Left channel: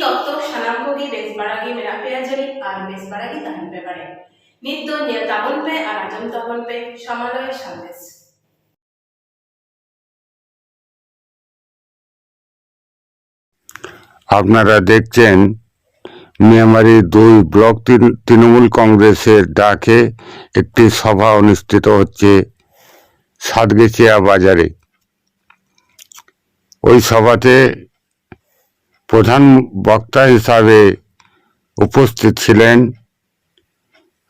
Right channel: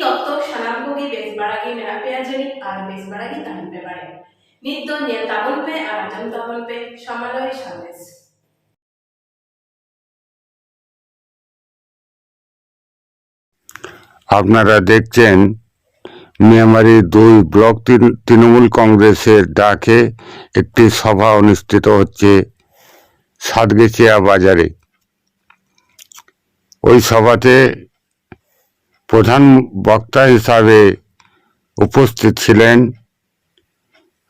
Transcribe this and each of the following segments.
तत्व सानाम कोगी बेस बाड़ागी मेरा पे आजरी और बेस बाड़ागी तहन पे बाड़े नित दो नियल ताबन पे और आजम ताबन पे समालय संदेश। আপনারা দেখছেন মিয়ামারি 2 ব্লক তৃণমূল কংগ্রেসের ডাকে একটি সভা অনুষ্ঠিত হচ্ছে সাতগেছিয়া বাজারে। ওই সভাতে প্রধান বক্তা হিসাবে উপস্থিত ছিলেন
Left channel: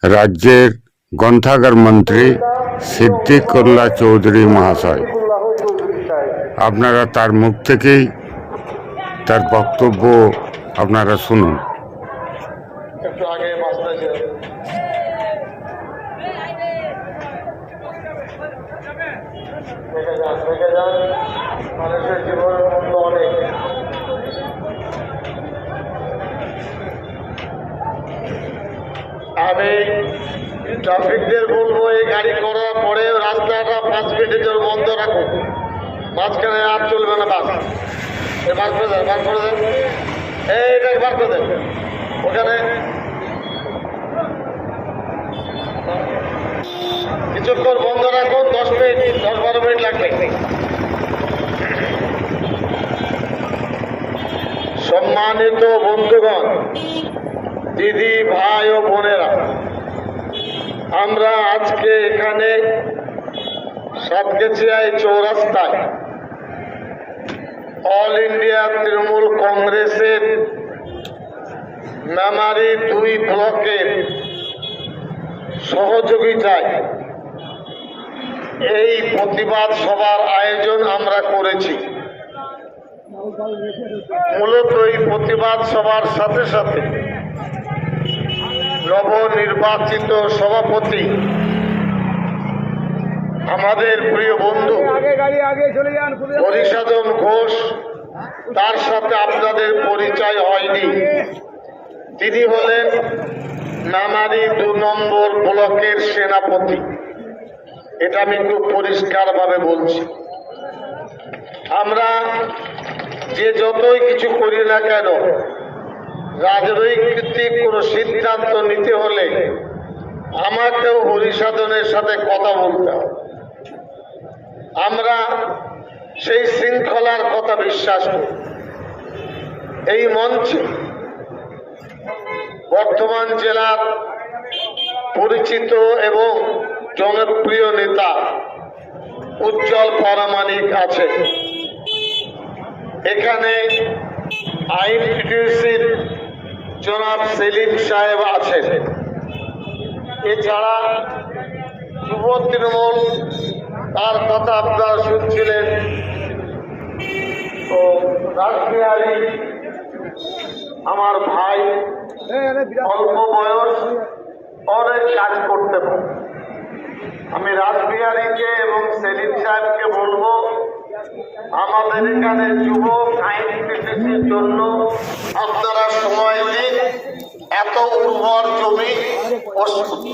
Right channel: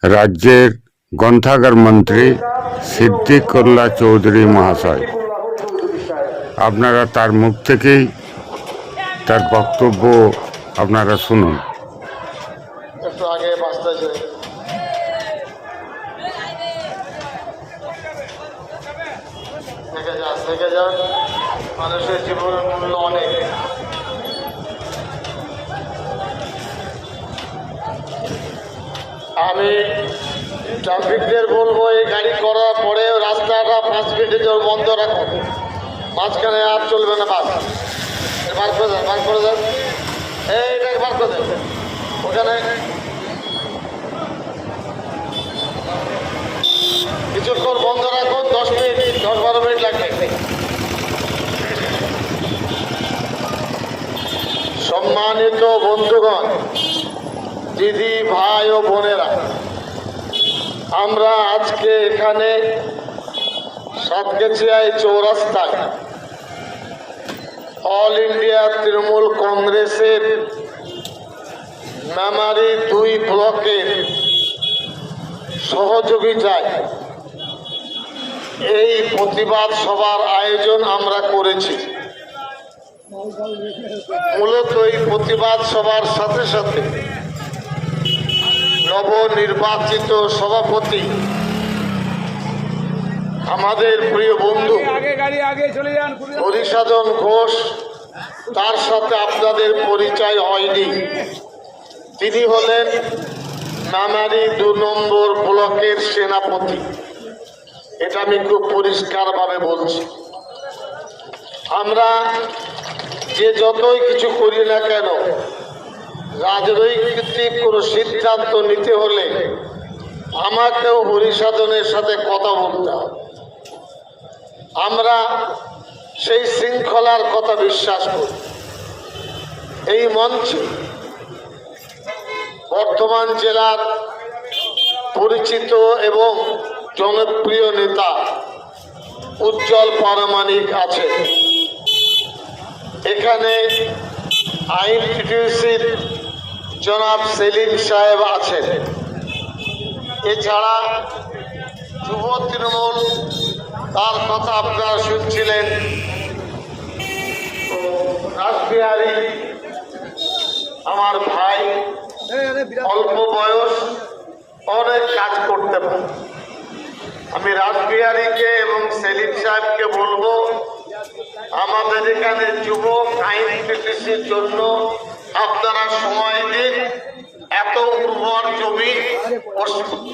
রাজ্যের গ্রন্থাগার মন্ত্রী সিদ্দিকুল্লাহ চৌধুরী মহাশয়। আপনারা তার মুখ থেকেই তার বক্তব্য আপনারা শুনুন। আমি ট্রাফিকদের বলবো এই গাড়ি করার পরে রাস্তাটা 5 মিনিটের জন্য বন্ধ রাখো, মাঝখানে আর চলবে না। বাস বার করে দেন, বার করে দেন, এইটা বার করে দেন। ওখানে কিছুক্ষণ বন্ধ রাখো, 10 মিনিট 10-12 মিনিট লাগবে। সম্মানিত বন্ধুগণ, দিদি, ভাই ও বোনেরা, আমরা আজকে এখানে সাতগেছিয়ায় চৌরাস্তায় অল ইন্ডিয়া তৃণমূল কংগ্রেসের মেমারি 2 ব্লকের সহযোগিতায় এই প্রতিবাদ সভার আয়োজন আমরা করেছি। মূলত এই প্রতিবাদ সভার সাথে সাথে নবনির্বাচিত সভাপতি আমাদের প্রিয় বন্ধু হরিসাধন ঘোষ, তার সাথে আপনাদের পরিচয় হয়নি। তিনি হলেন মেমারি 2 নম্বর ব্লকের সেনাপতি। এটা আমি খুব পরিষ্কারভাবে বলছি। আমরা যে যতই কিছু করি না কেন, রাজনৈতিক কোনো সিদ্ধান্ত নিতে হলে আমাকেও হরিসাধনের সাথে কথা বলতে হবে। আমরা সেই শৃঙ্খলার কথা বিশ্বাস করি। এই মঞ্চে বর্ধমান জেলার পরিচিত এবং জনপ্রিয় নেতা উজ্জ্বল প্রামাণিক আছেন। এখানে আইনটিটিউসির জনাব সেলিম সাহেব আছেন। এছাড়া যুব তৃণমূল, তার কথা আপনারা শুনছিলেন, ও রাসবিহারী আমার ভাই, অল্প বয়স, অনেক কাজ করতে পারে। আমি রাসবিহারীকে এবং সেলিম সাহেবকে বলবো, আমাদের এখানে যুব আইনটিটিউসির জন্য আপনারা সময় দিন। এত উর্বর জমি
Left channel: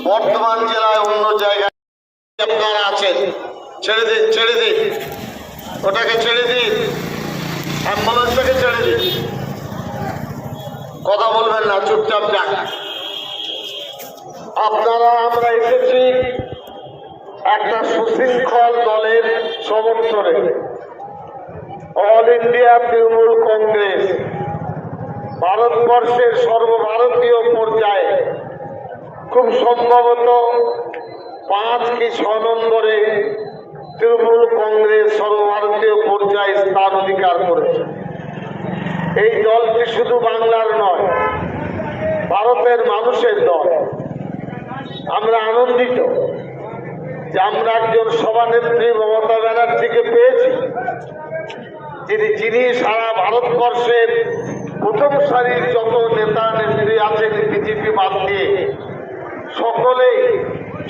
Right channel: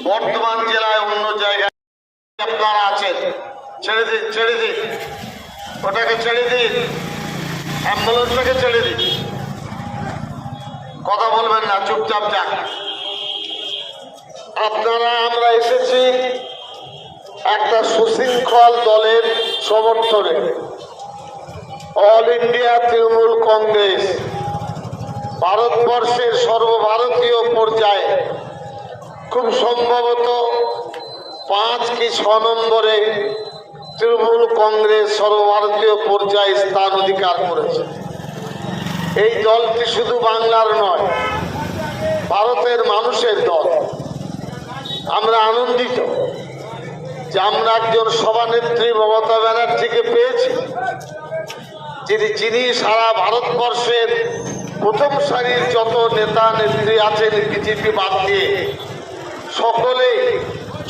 বর্ধমান জেলায় অন্য জায়গায় আপনারা আছেন, ছেড়ে দিন, ছেড়ে দিন, ওটাকে ছেড়ে দিন, অ্যাম্বুলেন্সটাকে ছেড়ে দিন। কথা বলবেন না, চুপচাপ যান আপনারা। আমরা এসেছি একটা সুশৃঙ্খল দলের সমর্থনে। অল ইন্ডিয়া তৃণমূল কংগ্রেস ভারতবর্ষের সর্বভারতীয় পর্যায়ে খুব সম্ভবত 5 কি 6 নম্বরে তৃণমূল কংগ্রেস সর্বভারতীয় পর্যায়ে স্থান অধিকার করেছে। এই দলটি শুধু বাংলার নয়, ভারতের মানুষের দল। আমরা আনন্দিত যে আমরা একজন সভানেত্রী মমতা ব্যানার্জিকে পেয়েছি, যিনি সারা ভারতবর্ষের প্রথম সারির যত নেতা নেত্রী আছেন বিজেপি বাদ দিয়ে সকলেই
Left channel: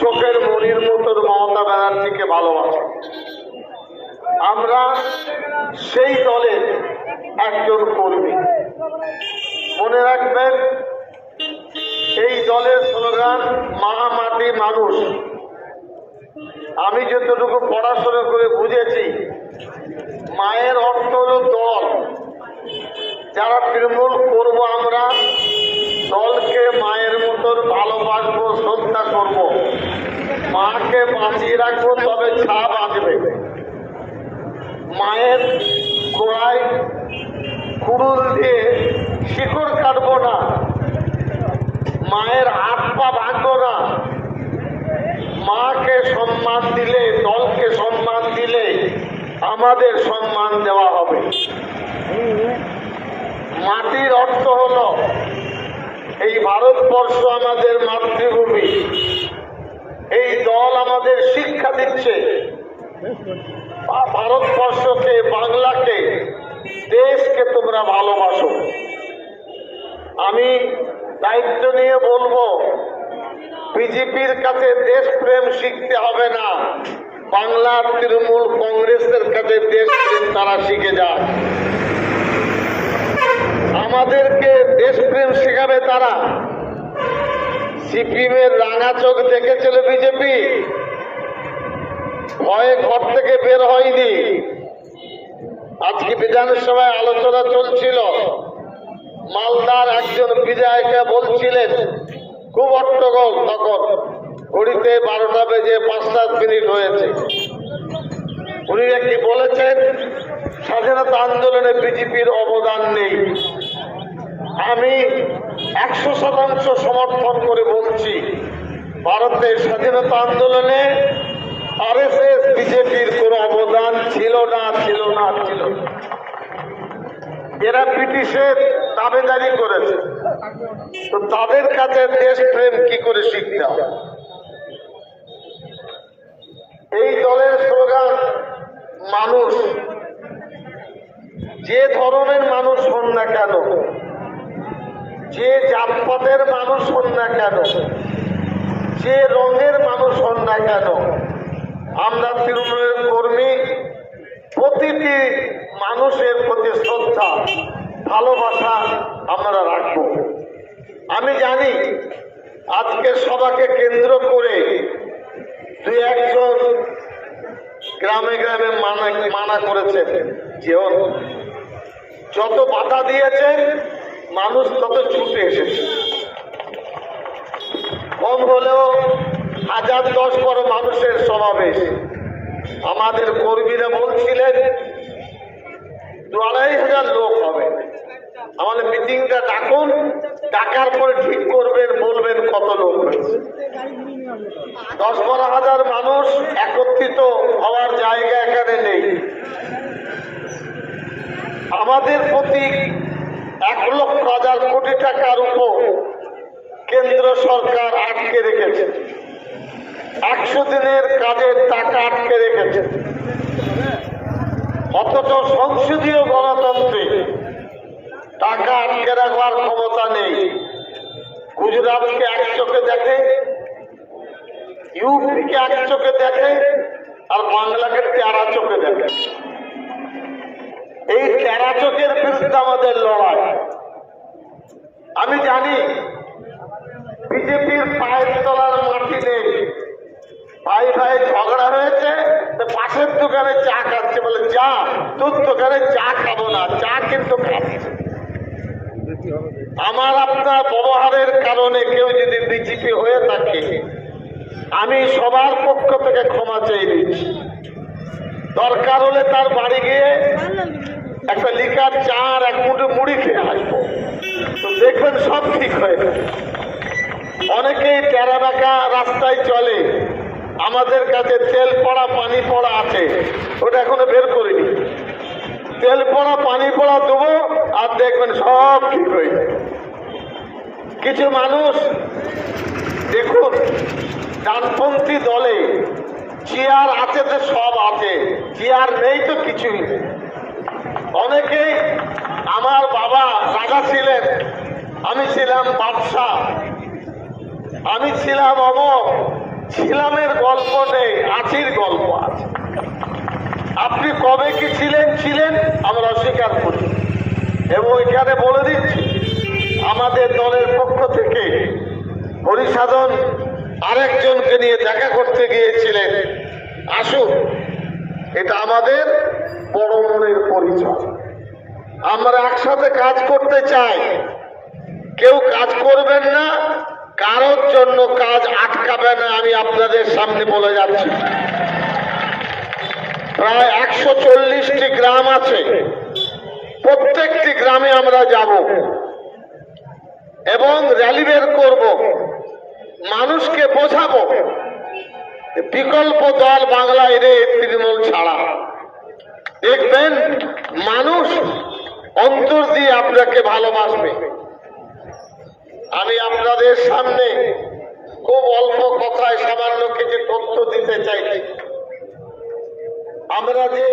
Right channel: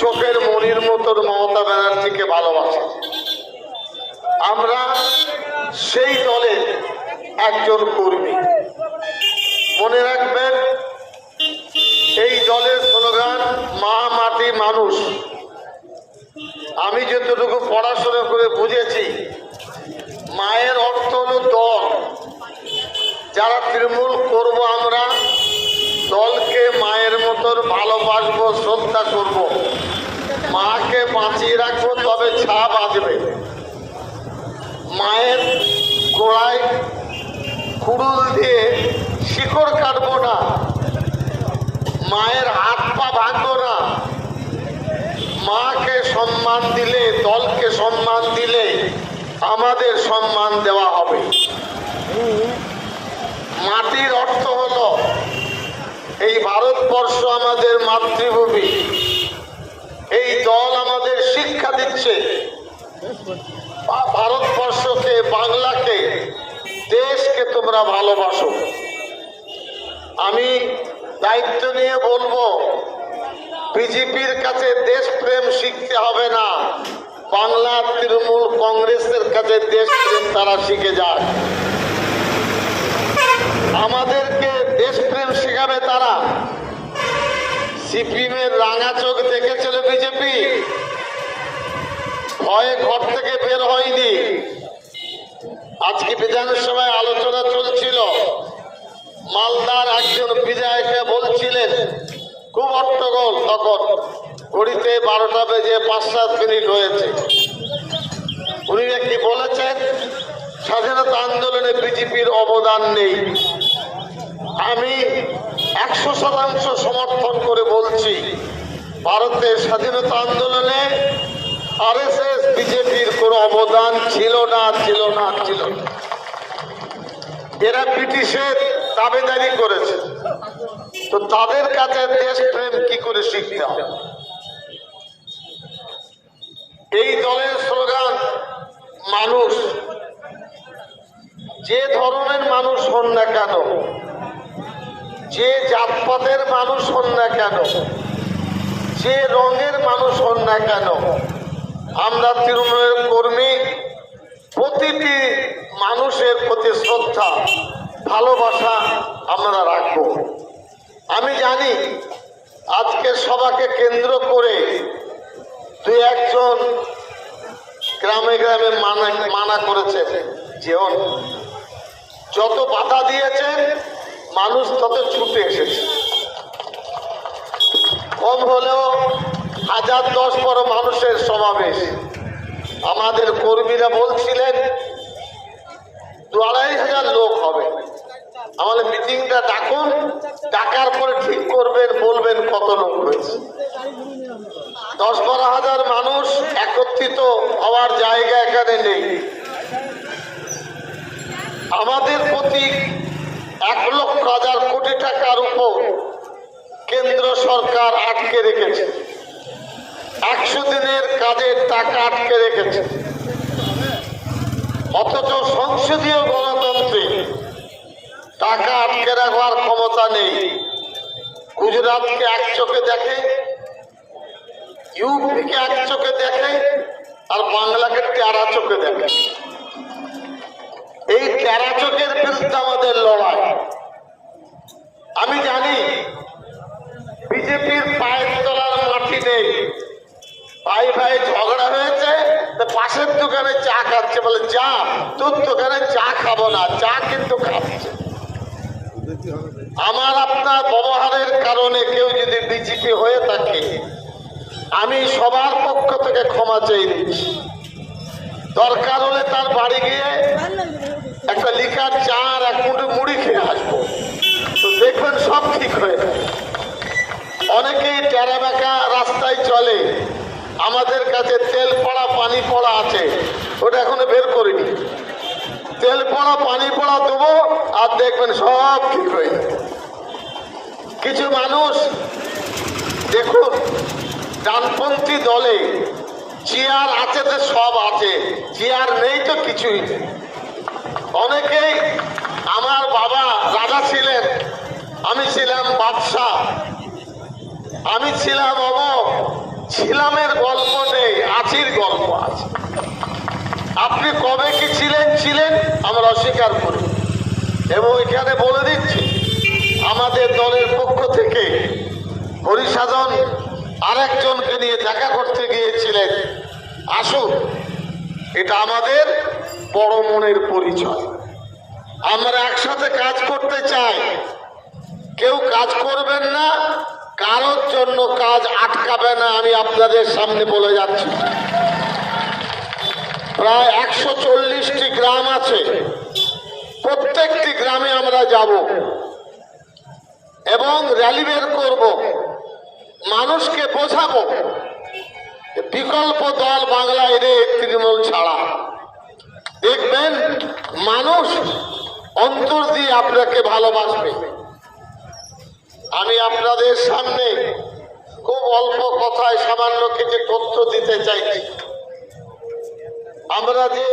চোখের মনির মতন মমতা ব্যানার্জিকে ভালোবাসে। আমরা সেই দলের একজন কর্মী। মনে রাখবেন, এই দলের স্লোগান মা, মাটি, মানুষ। আমি যতটুকু পড়াশোনা করে বুঝেছি, মায়ের অর্থ হল দল। যারা তৃণমূল করবো আমাদের সম্মান দেওয়া হবে। মাটির অর্থ হলো এই ভারতবর্ষ আমাদের মাতৃভূমি। এই দল আমাদের শিক্ষা দিচ্ছে ভারতবর্ষকে, বাংলাকে, দেশকে তোমরা ভালোবাসো। আমি দায়িত্ব নিয়ে বলবো, বিজেপির কাছে দেশপ্রেম শিখতে হবে না, বাংলার তৃণমূল কংগ্রেসের কাছে দেশপ্রেম তারা শিখে যাক। আমাদেরকে দেশপ্রেম শেখাবে তারা। সিপিএমের রাঙা চোখ দেখেছিল বিজেপি, ভয়ে ঘর থেকে বের হয়নি। আজকে বিধানসভায় আলোচনা চলছিল, মালদার একজন বিধায়িকা বলছিলেন, খুব হট্টগোল, তখন ঘড়িতে 12টা বেজে 5-7 মিনিট হয়েছে। উনি কি বলেছেন, স্বাধীনতা আন্দোলনে বিজেপির অবদান নেই। আমি 100% সমর্থন করে বলছি, ভারতের স্বাধীনতা আন্দোলনে আরএসএস বিজেপির কোনো অবদান ছিল না। এরা ব্রিটিশের দাবেদারি করেছে, তো তাদের কাছে দেশপ্রেম কি করে শিখতে হবে? এই দলের স্লোগান, মানুষ, যে ধরনের মানুষ হন না কেন, যে জাতপাতের মানুষ হন না কেন, যে রঙের মানুষ হন না কেন, আমরা তৃণমূলের কর্মী প্রতিটি মানুষের প্রতি শ্রদ্ধা, ভালোবাসা আমরা রাখব। আমি জানি আজকে সভাকে কেন্দ্র করে 2-1 গ্রামে গ্রামে মানা করেছেন, যেও যত বাধা দিয়েছেন মানুষ তত ছুটে এসেছে। কম হলেও 1010-12 মানুষের সমাবেশ। আমাদের কর্মীরা বলছিলেন 2-2.5 লোক হবে। আমাদের মিটিংটা ডাকুন, ডাকার পরে ঠিক করবেন, বলবেন কত লোক হয়েছে। 10-12 হাজার মানুষ একত্রিত হওয়ার জায়গা এখানে নেই। আমাদের প্রতি 1,00,000 কোটি টাকার উপর কেন্দ্র সরকার আটকে রেখেছে। 100 দিনের কাজের টাকা আটকে রেখেছে। অথচ সংসদীয় গণতন্ত্রে টাকা আটকে রাখার ক্ষমতা নেই। গুজরাটকে এক চোখে দেখে, ইউপিকে এক চোখে দেখে, আর বাংলাকে টেরা চোখে দেখে। এই টেরা চোখের বিরুদ্ধে আমাদের লড়াই। আমি জানি বিজেপির পায়ের তলার মাটি নেই। ভাই ভাই ঝগড়া হয়েছে, পাশের দোকানে চা খাচ্ছে, বলে চা, তোর দোকানে চা খাবো না, চা কিন্তু খাচ্ছে। আমার আপনার ব্যবহারের কারণে কেউ যদি বিজেপি হয়ে থাকে, আমি সবার পক্ষ থেকে ক্ষমা চেয়ে নিচ্ছি। দরকার হলে তার বাড়ি গিয়ে একটা লিকার চা আর 1 মুঠো মুড়ি খেয়ে আসবো, তো দেখবেন সব ঠিক হয়ে যাবে। অনেকেই টেরা বাঁকা রাস্তায় চলে, আমাদের কাছে তেল পড়া পানি পড়া আছে, ওটা এখনো বের করিনি। তেল পড়া পানি পড়া দেবো, আর দেখবেন সব ঠিক হয়ে যাবে। কিছু মানুষ দেখুন, ডানপন্থী দলে চেয়ার আছে তো সব আছে, চেয়ার নেই তো কিছুই নেই। অনেকেই, আমার বাবা রাজা ছিলেন, আমি ছিলাম বাদশাহ, আমি ছিলাম ছিলামের গল্প নেই, আছির গল্প আছে। আপনি কবে কি ছিলেন আমরা অস্বীকার করি। এবং এখানে বলে দিচ্ছি, আমাদের দলের পক্ষ থেকে হরিসাধন আরেকজনকে নিয়ে দেখা করতে গিয়েছিলেন। আসুন, এটা আমাদের বড় মনের পরিচয়। আমরা একসাথে কাজ করতে চাই। কেউ কাজ করবেন না, কারোর জন্য কাজ আটকাবে না, আমি আপনাদের সামনে বলে যাচ্ছি। প্রায় 140টি গ্রাম আছে, প্রত্যেকটি গ্রামে আমরা যাব এবং র্যালি বের করব, মানুষকে বোঝাবো বিকল্প দল বাংলায় তৃণমূল ছাড়া। দেখবেন মানুষ অন্তর দিয়ে আপনাকে ভালোবাসবে। আমি আপনাদের সামনে খুব অল্প কথায় সামান্য কিছু তথ্য দিতে চাইছি। আমরা যে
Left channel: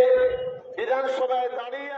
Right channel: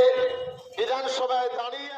বিধানসভায় দাঁড়িয়ে